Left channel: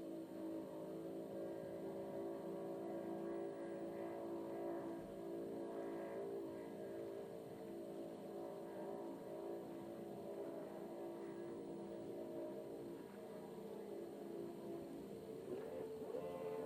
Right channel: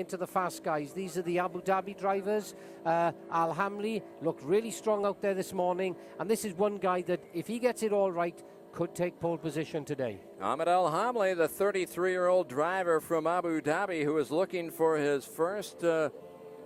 into the fast guys. These are the Abu Dhabi drivers. Al Hameli looked really strong out there this morning, and this is one guy that, if he gets it all right, could take pole position today. Ahmed Al Hameli, the 33-year-old driver from Abu Dhabi, who is looking for his first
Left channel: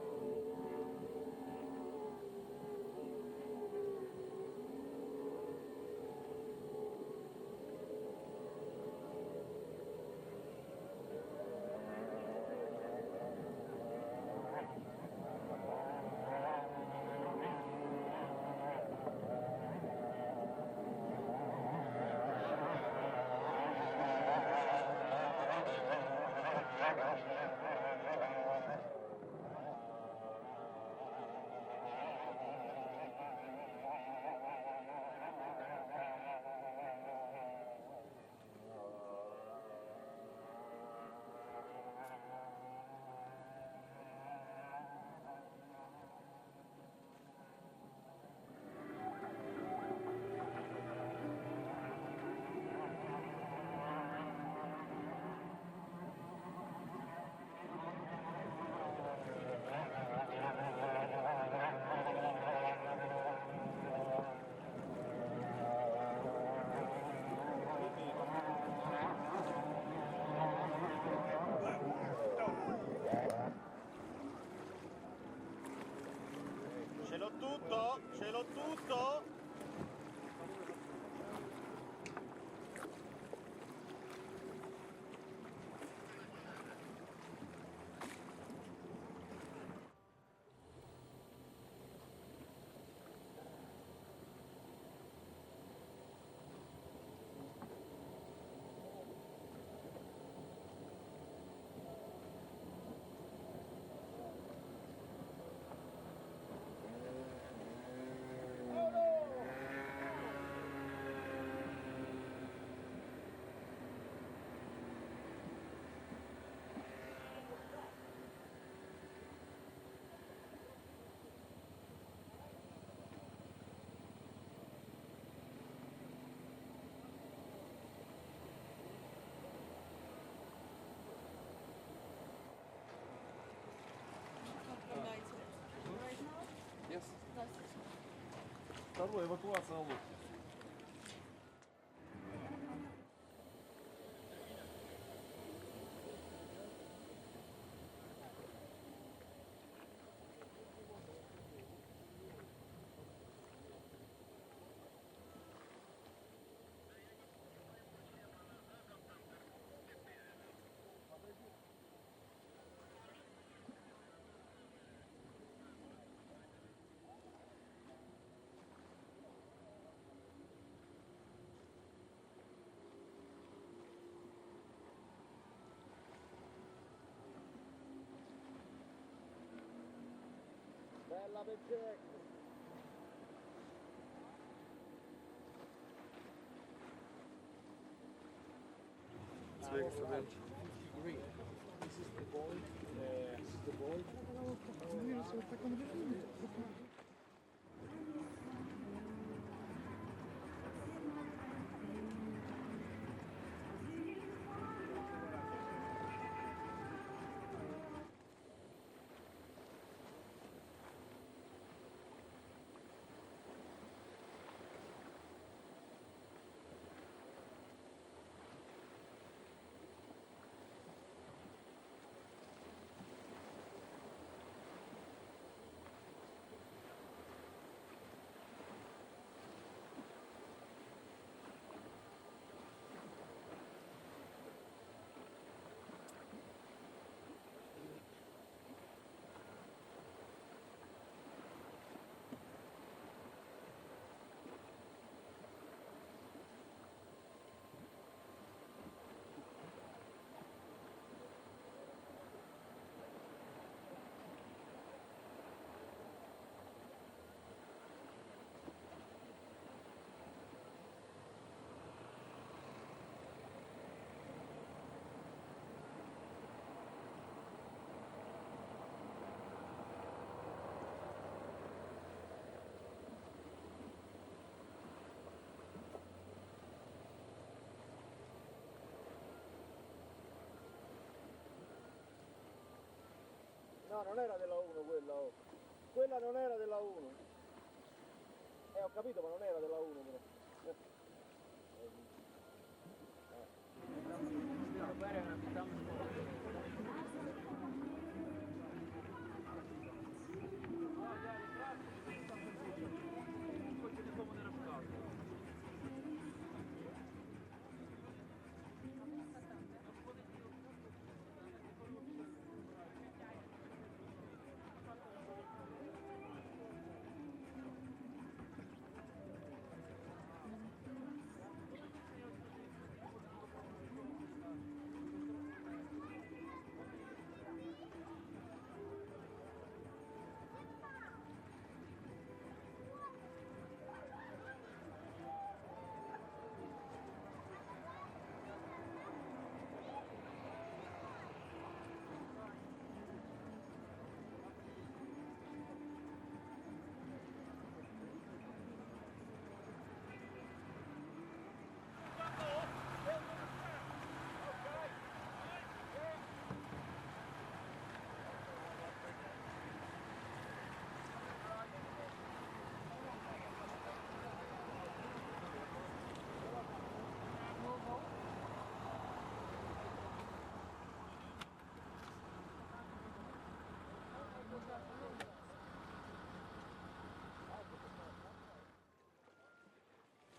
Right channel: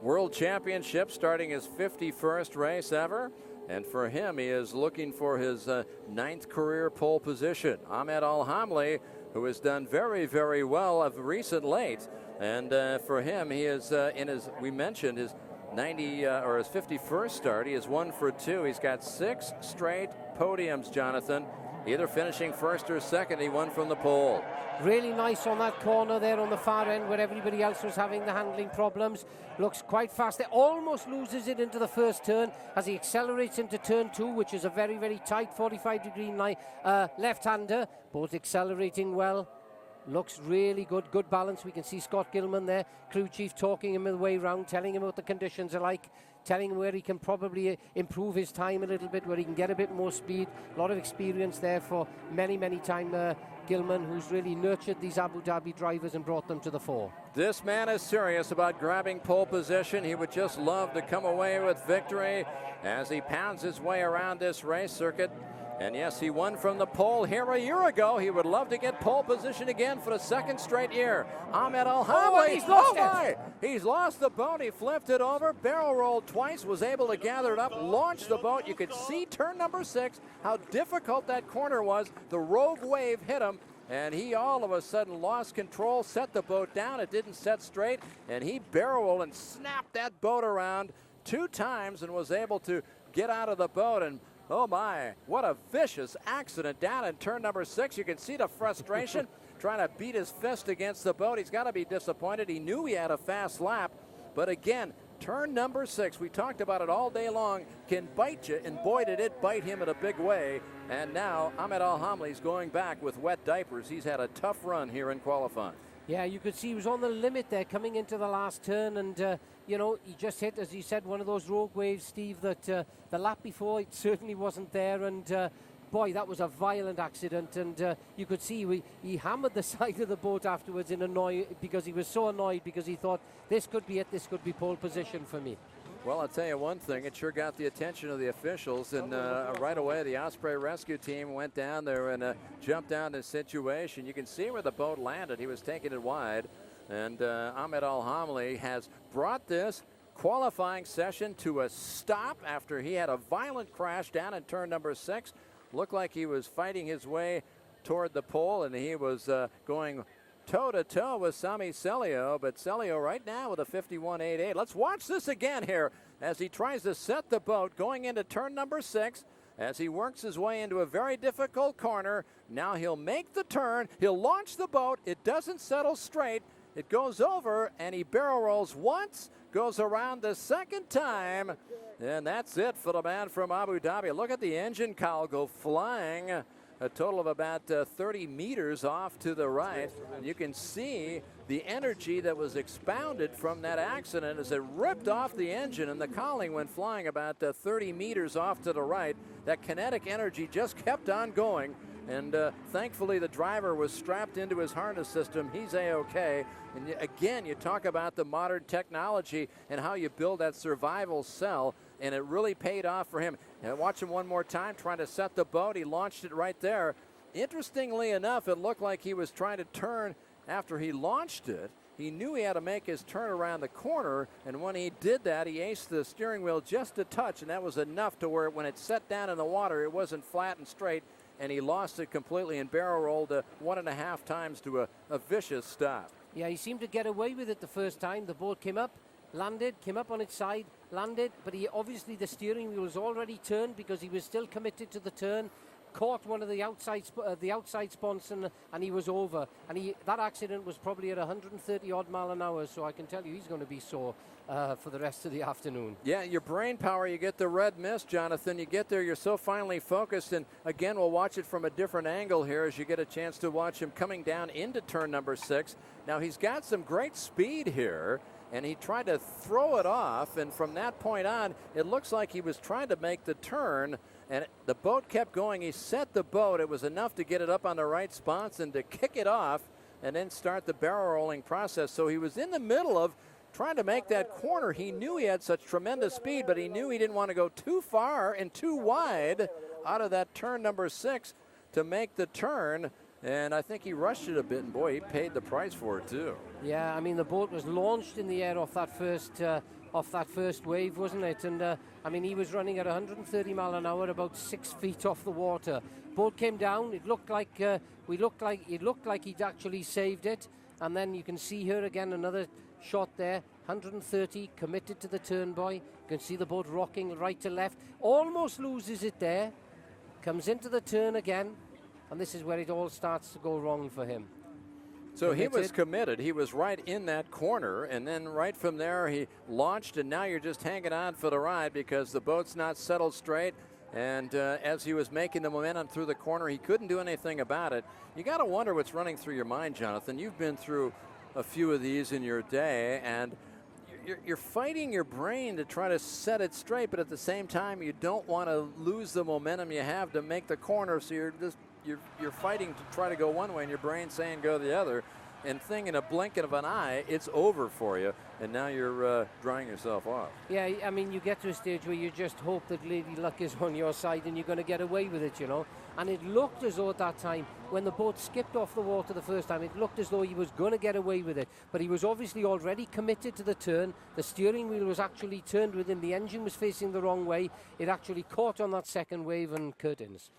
World Championship, starting his 51st race ever. And for him, he is looking for his 9th career pole position. Ahmed Al Hameli, who has done very, very well of recent late. And for him, he is in his, we mentioned, his 51st start. He is 1 for 2. He's got 6 straight podiums, Jonathan. Either finishing first or second. He won from the pole. Really nice on that corner there on the far end where everybody else was having the handling problems. Looks quite fast there. Almost loses it into the first turn as he accelerates into turn 2, which is a very, very tight 45-degree left-hander. Both accelerating well. Looks really good. Good balance. We can see Scott Gilman there, crew chief, talking him the way around, telling him what the conditions are like, telling him where he can probably improve his time a little bit, where he can get a bit more speed. A lot of experience there for many, many time Gilman, who's really nurtured these Abu Dhabi drivers and brought them to the fore. This man is serious about grabbing pole position. He would just love to come away with victory as he pounds his way around this race circuit. And yes, he won from the pole here a year ago. He would love to get pole position again for the 2nd straight year. Ahmed Al Hameli, he's lost it. He's lost the boat. He flipped it over, barrel rolled twice, was able to gather it up, launch the boat. You could see turn number 6, how difficult that corner was. The rogue wave hit him, and he all of a sudden lost control, set the boat down. It didn't set straight, and he barrel rolled and snapped that boat around 2 times and was able to get out of the boat. And oh my, what a vicious accident down in turn number 6. You can see the frustration trying to beat his fist against the boat. He's got to be disappointed. He knew he had a fast lap, but again, turn number 6, we talked about it all day long, can bite you, and boy did it bite him in a big way. And now Ahmed Al Hameli's going back with wet diapers. He's had a tough run here in qualifying. Yeah, you could see he was on the limit there coming into the last turn, and you know, he just hit, as you said, one of those rogue waves, Steve, that the lap before it certainly wasn't there. And boy, that was a violent accident, and you could see he hammered the side of the boat afterwards in annoy, because he was so annoyed, because he thought, this could be it, this could be pole position for me. Well, I'll tell you one thing, it sure got the attention of the officials, and right away the Osprey rescue team went down there and jumped down the situation. You can see where the boat landed. He was taking it wide, and Ahmed Al Hameli has brought this qualifying session to a stop after he had a violent crash down in turn number 6. Looked like he was fighting his way toward the pole, and he was going toe-to-toe with Sami Celio, but Celio right now with a 51.88. Let's watch this again here as he tries to set the boat going into turn number 6 as he works his way into a very difficult corner. Now he'll make the turn, he'll launch the boat, it doesn't settle straight, it goes over, and he barrel rolls once, goes around the 2nd time, and that's it for the man from Abu Dhabi. Look at the engine cowl go flying a total of about 30 meters off to the right. And you can see the energy that was expounded from that accident as it ripped off the engine, and the cowling went flying about 30 meters off to the right. That kinetic energy just kept on going, and thankfully the driver was strapped into his harness system. He's A-okay. And again, you talk about the modern technology and how you build that survival cell, and it really paid off for him. And watch him one more time trying to set the boat. He launched it right there. Interestingly enough, it looked like he was trying to turn after he launched it. He knew he had to make his turn around the corner, and when he did that, he aced the steering wheel just a touch, and that was enough to where when it set down in the water, it wasn't flat and straight, and he lost it completely and barrel rolled 1.5 times to a vicious stop. Yeah, he seemed to get away with it the first time. The boat came up, landed, came up on its side, landed, but he obviously, the steering wheel was already turned because he was still committed to the turn, caught one of the outside sponsons, and he was over. And that accident was probably at 130 odd mile an hour, so I can tell you he's going to be sore for the rest of the afternoon. Yeah, your brain power, you get the red mist, Jonathan. You get there, you're so finely focused, and again, we'll watch it from a different angle here as you get a chance to watch him coming down into turn number 6. Now, he's got some great speed here, and he tried to throw it off, and from that point on, it looks like he was trying to make the turn, and the boat kept going. He set the boat. It was enough to get it up on the right spots and to kick it off, and then start the barrel rolling process. So he was in the middle of trying to make that corner. He knew he had such tremendous speed, but he knew he didn't want to go too far and too wide out of that turn number 6 to make the turn. And I think he rushed it a bit. Boy, he paid the price for it too. Yeah, I mean, the boat was launched in the air off that first wave, wasn't it? And I mean, he was running at 130 mile an hour, about 6 feet off the water. Boat came down. It looked like he'd actually saved it. And then you can see here again another shot there. 130, committed to the turn, boy. You can see the boat rocking right to left. Almost loses it there. Comes into the turn again. And this is where it all starts to go wrong for him. So he was committed. He was right in that corner, and then right from there he launched, and now you're just hanging on for the ride because the boat's not settled straight. And as he was making the momentum through the corner, he couldn't do anything about it. You got to wonder what's running through your mind, Jonathan. You've been through a few of these in your day, and you're fighting your brain to try to set it straight, but at the same time, you don't want to lose the momentum you have to make the corner, so you're fighting to try to go one way and your brain's saying go the other, and in a blink of an eye it's over for you, and now you're drying yourself off. Yeah, I mean, you get to a stage where you just hope that Lady Luck is on your side and you're going to get away with it, you know. And it looked as though at that time, when the boat skipped off the water the first time, it looked as though he was going to get away with it. But he was obviously already committed to the turn. The steering wheel was actually turned with him. The engine was facing the wrong way. It actually caught on that second wave and curtains.